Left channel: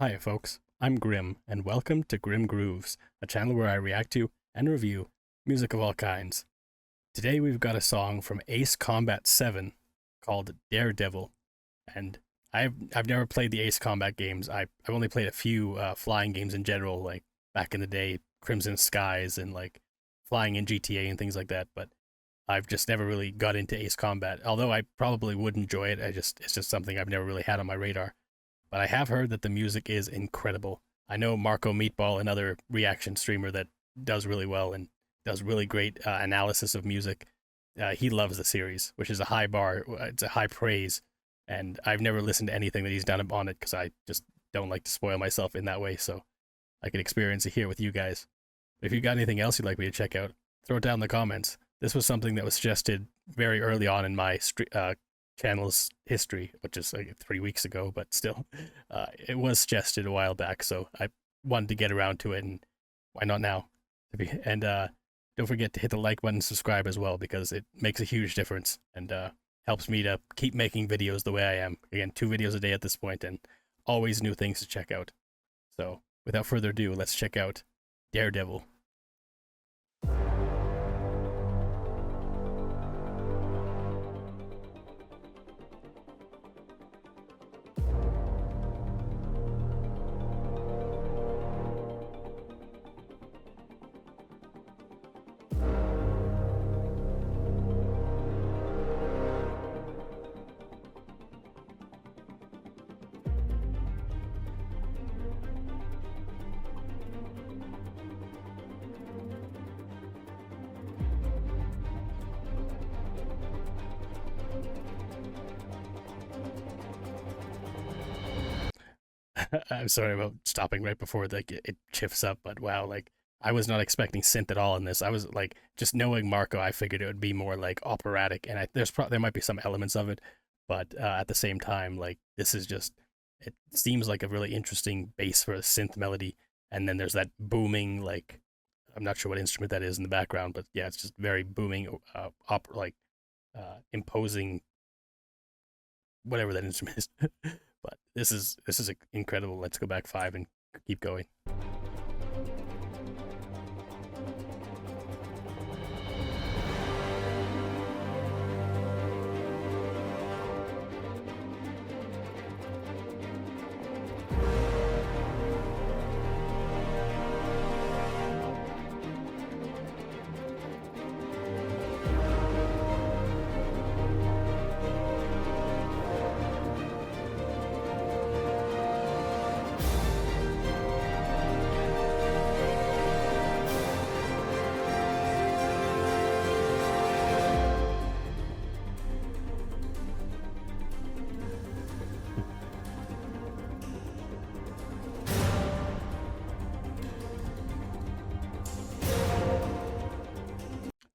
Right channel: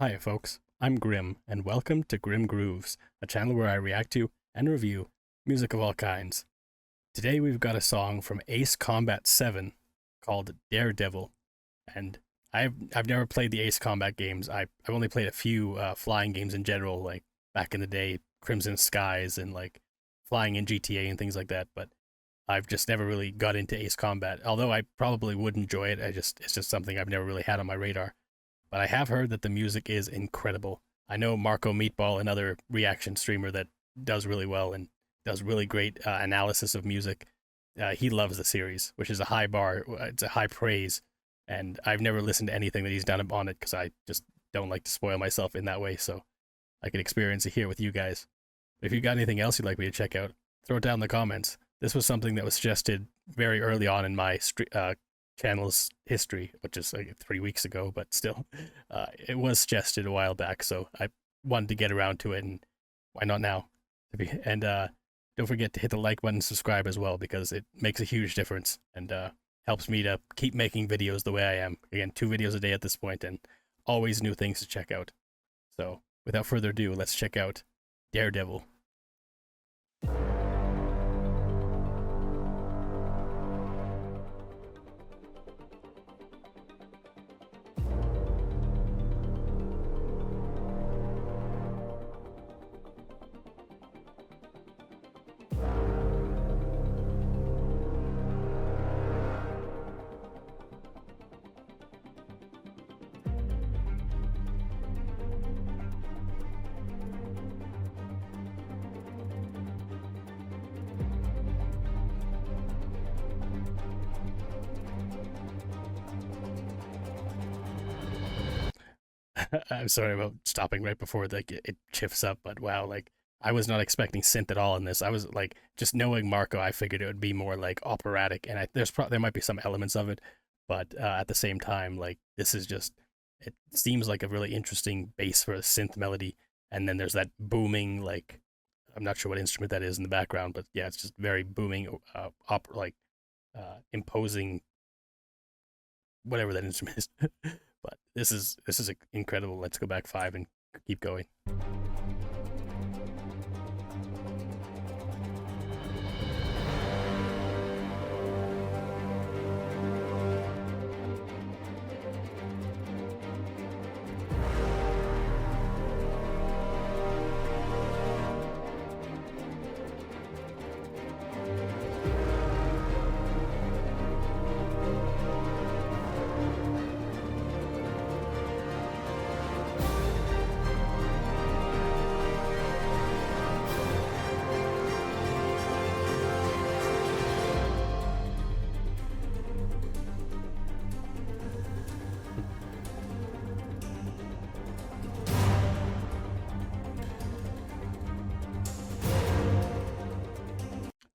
Hi, folks. I'm Grim, and welcome to Grim Grooves, a channel where I react to and review music of all kinds. Today we've got a song from Ace Combat 7 called Daredevil, and I've never played the Ace Combat games. I've only played a few flying games in general, like back in the day, Crimson Skies and like flying in GTA and things like that. But I've just never really got into Ace Combat. Although I probably would enjoy it, it's just something I've never really had on my radar. But I have heard that the music is incredible. I know Marco Meatball, another reaction streamer that does really well and does really great analysis of music. He loves the series, which is a high bar. It's a high praise, and I've never listened to anything that he's done on it because I just don't like to spoil myself in that way. So I can experience it here with you guys. If you got anything else you'd like me to check out, throw it down in the comments. This was something that was suggested very early on in my channel's history, which is like 3 weeks ago, but still, it was suggested a while back, so I wanted to get around to it, and why not now? And don't forget to hit the like button and subscribe as well, because it makes a huge difference and helps me to keep making videos the way I am. Again, 2 videos a day at this point, and always new things to check out. So, without further ado, let's check out Daredevil. I'm sorry about stopping right before like it shifts up, but wow, like I was not expecting synth at all in this. I was like, just knowing Marco, I figured it would be more like operatic, and there might be some elements of it, but at the same time, like this is just it seems like a really interesting bass for a synth melody, and then there's that booming like I'm not sure what instrument that is in the background, but yeah, it's just very booming, imposing whatever that instrument is. But this is incredible. Let's go back 5 and keep going.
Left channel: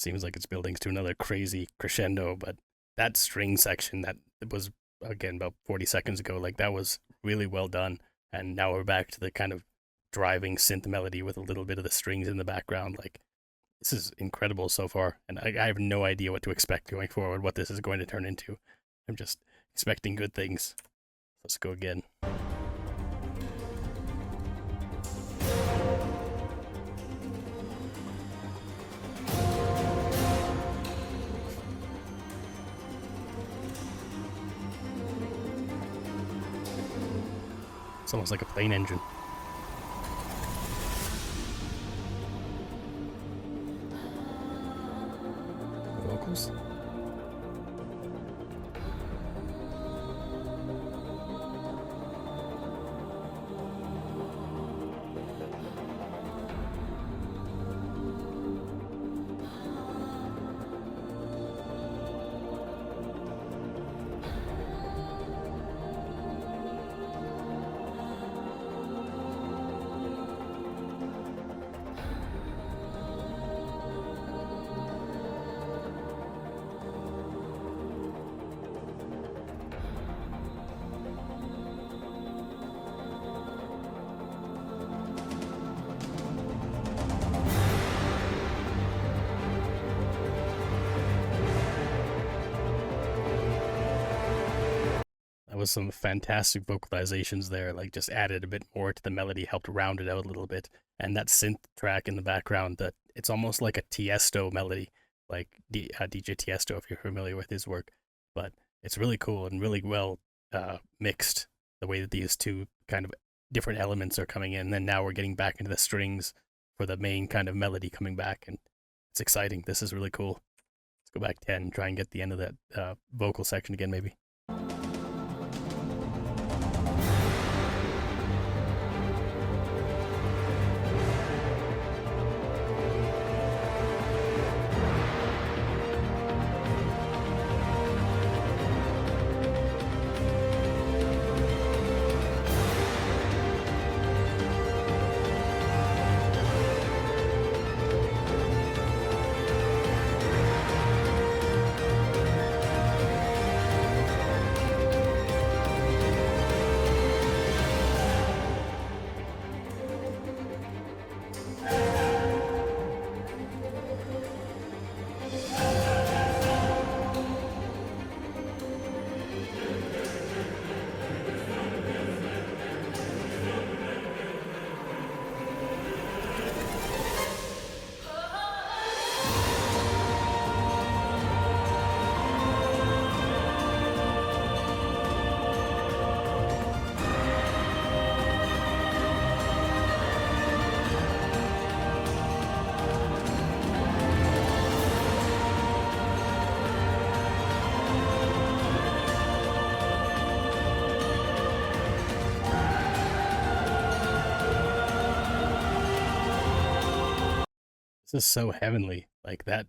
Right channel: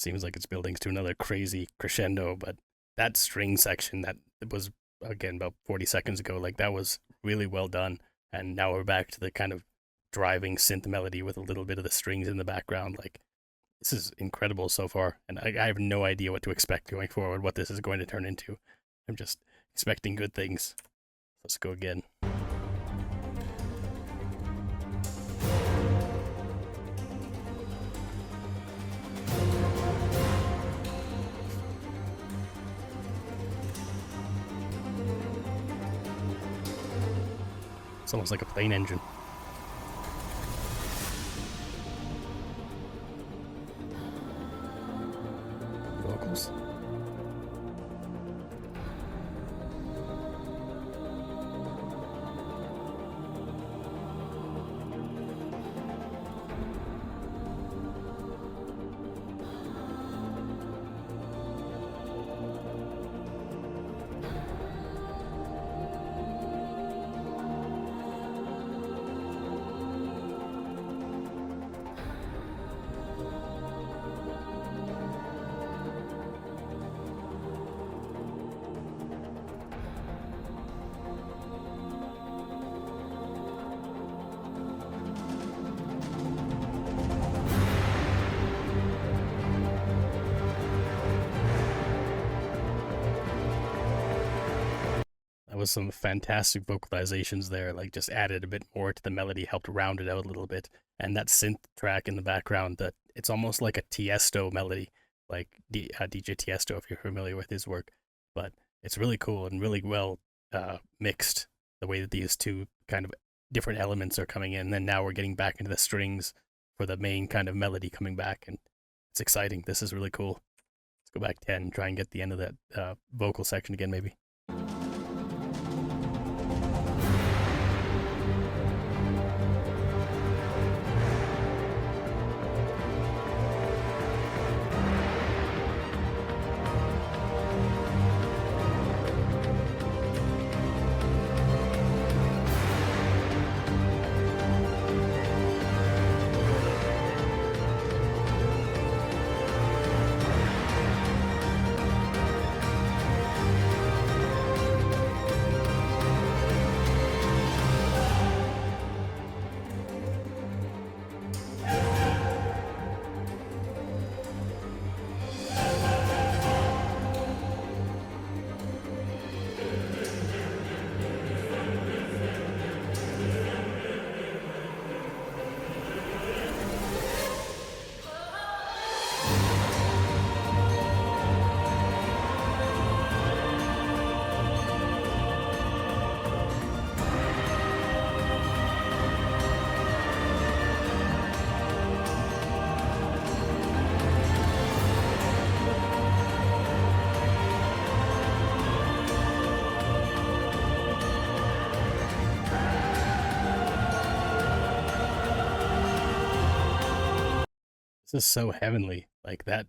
Seems like it's building to another crazy crescendo, but that string section that was again about 40 seconds ago, like that was really well done. And now we're back to the kind of driving synth melody with a little bit of the strings in the background. Like this is incredible so far, and I have no idea what to expect going forward, what this is going to turn into. I'm just expecting good things. Let's go again. It's almost like a plane engine. Vocals. That was some fantastic vocalizations there, like just added a bit more to the melody, helped round it out a little bit. And that synth track in the background, that it's almost like a Tiesto melody, like DJ Tiesto, if you're familiar with his work. But it's really cool and really well mixed, the way that these two kind of different elements are coming in. And then now we're getting back into the strings for the main kind of melody coming back, and it's exciting. This is really cool. Let's go back 10, try and get the end of that vocal section again, maybe. This is so heavenly. Like that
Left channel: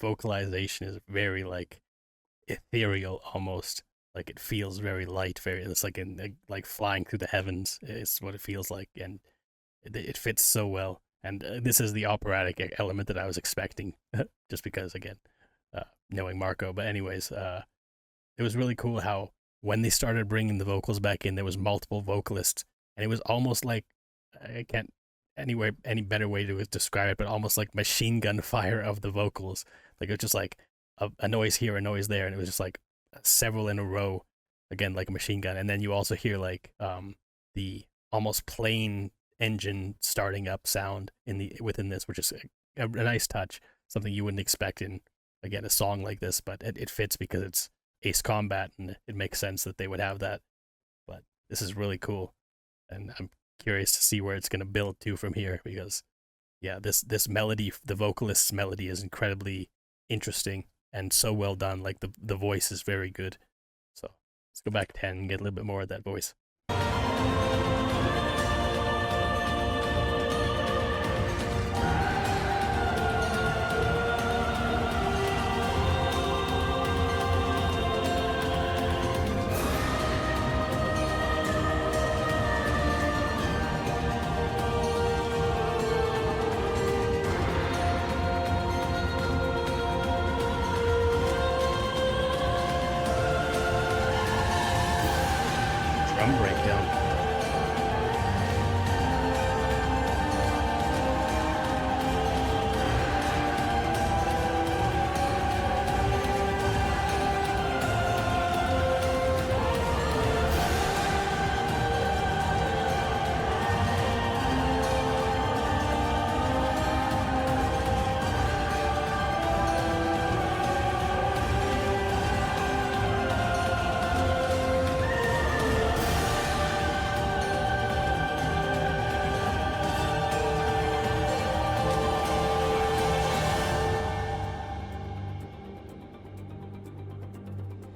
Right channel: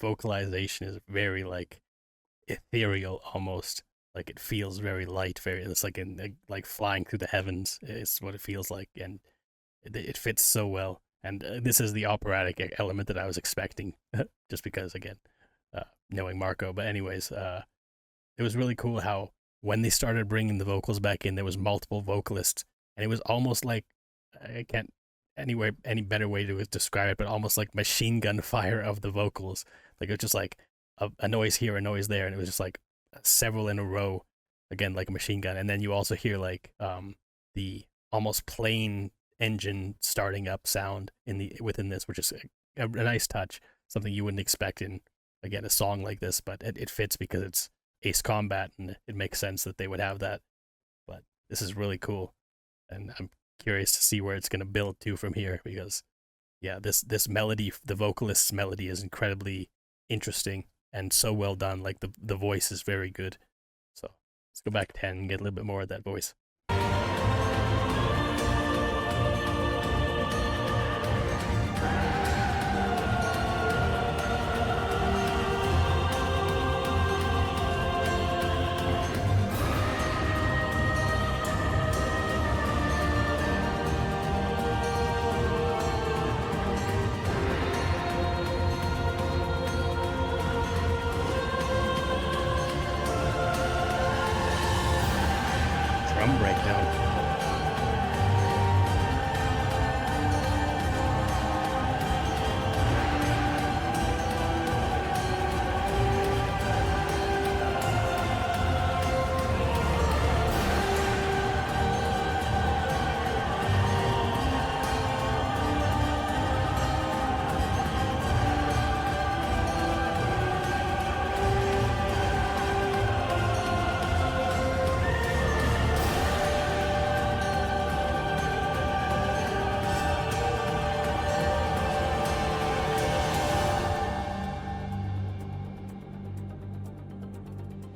vocalization is very like ethereal almost. Like it feels very light, very, it's like like flying through the heavens. It's what it feels like, and it fits so well. And this is the operatic element that I was expecting, just because again, knowing Marco. But anyways, it was really cool how when they started bringing the vocals back in, there was multiple vocalists, and it was almost like, I can't any better way to describe it, but almost like machine gun fire of the vocals. Like it was just like a noise here, a noise there, and it was just like several in a row, again like a machine gun. And then you also hear like the almost plain engine starting up sound within this, which is a nice touch, something you wouldn't expect in, again, a song like this, but it fits because it's Ace Combat, and it makes sense that they would have that. But this is really cool, and I'm curious to see where it's going to build to from here, because yeah, this melody, the vocalist's melody, is incredibly interesting and so well done. Like the voice is very good. So let's go back 10 and get a little bit more of that voice. Drum breakdown.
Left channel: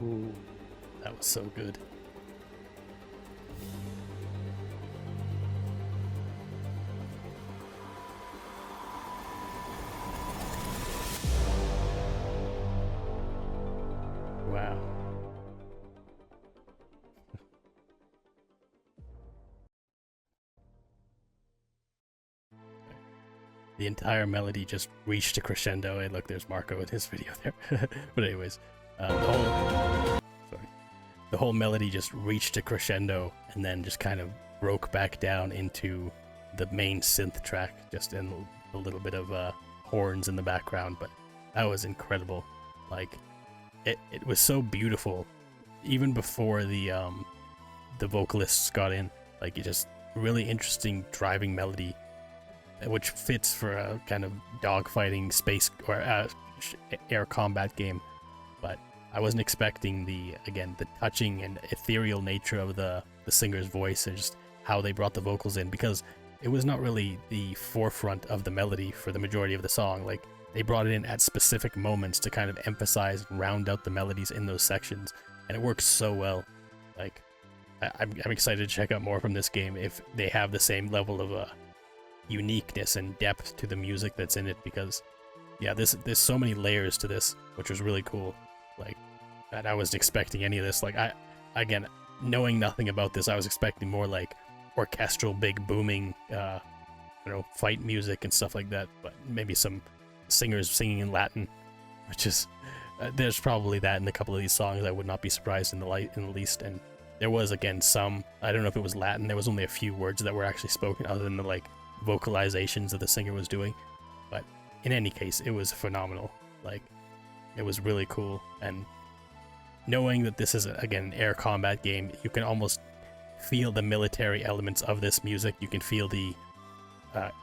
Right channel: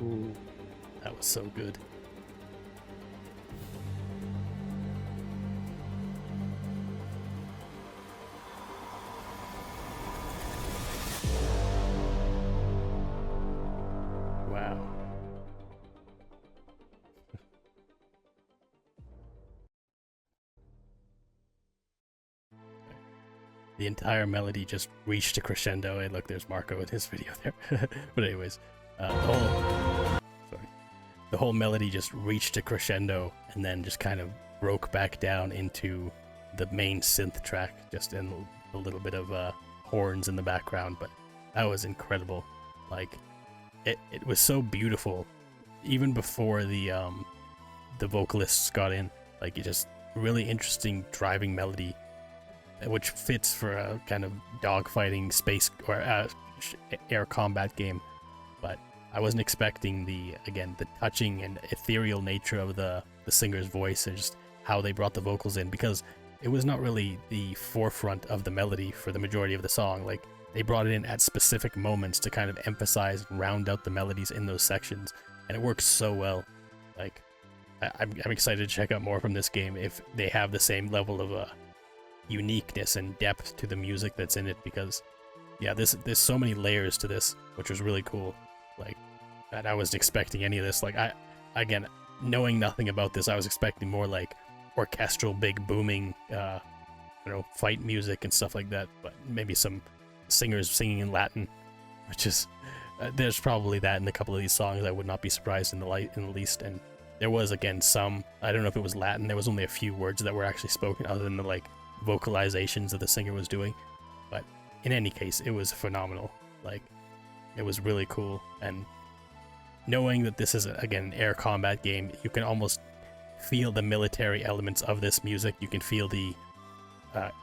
Ooh, that was so good. Wow. The entire melody just reached a crescendo. And look, there's Marco in his video there. But anyways, the whole melody just reached a crescendo and then just kind of broke back down into the main synth track, just in a little bit of horns in the background. But that was incredible. Like it was so beautiful, even before the the vocalists got in. Like, it just really interesting driving melody, which fits for a kind of dogfighting space or air combat game. But I wasn't expecting the touching and ethereal nature of the singer's voice and just how they brought the vocals in, because it was not really the forefront of the melody for the majority of the song. Like, they brought it in at specific moments to kind of emphasize and round out the melodies in those sections, and it works so well. Like, I'm excited to check out more from this game if they have the same level of uniqueness and depth to the music that's in it, because yeah, there's so many layers to this, which was really cool. Like, and I wasn't expecting any of this. Like, again, knowing nothing about this, I was expecting more like orchestral, big booming, fight music and stuff like that. But maybe some singers singing in Latin, which is there's probably that in a couple of these songs. I would not be surprised in the least. And there was, again, some, I don't know if it was Latin. There was only a few words that were actually spoken other than the like vocalizations that the singer was doing. But in any case, it was phenomenal. Like, it was really cool. And knowing that this is, again, an air combat game, you can almost feel the military elements of this music. You can feel the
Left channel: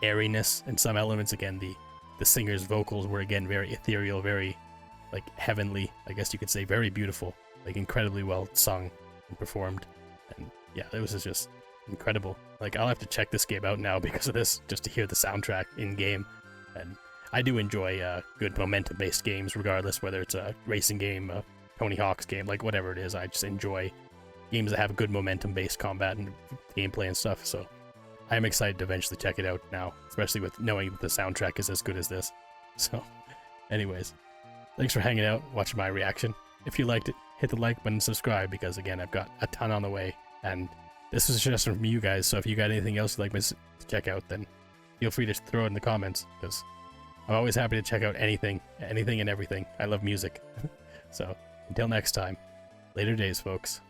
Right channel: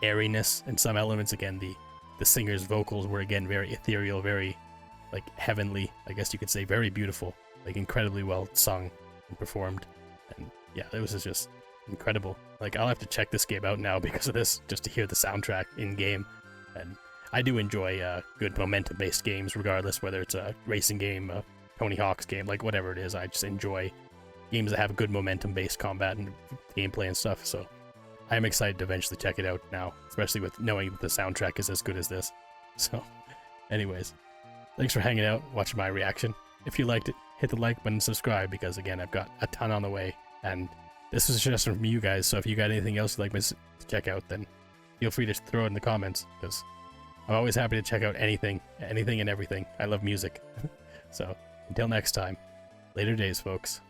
airiness in some elements. Again, the singer's vocals were, again, very ethereal, very like heavenly, I guess you could say, very beautiful, like incredibly well sung and performed. And yeah, it was just incredible. Like, I'll have to check this game out now because of this, just to hear the soundtrack in game. And I do enjoy good momentum-based games, regardless whether it's a racing game, a Tony Hawk's game, like whatever it is. I just enjoy games that have good momentum-based combat and gameplay and stuff. So I am excited to eventually check it out now, especially with knowing that the soundtrack is as good as this. So anyways, thanks for hanging out, watching my reaction. If you liked it, hit the like button and subscribe, because again, I've got a ton on the way, and this was a suggestion from you guys. So if you got anything else you'd like me to check out, then feel free to throw it in the comments, because I'm always happy to check out anything and everything. I love music. So until next time, later days, folks.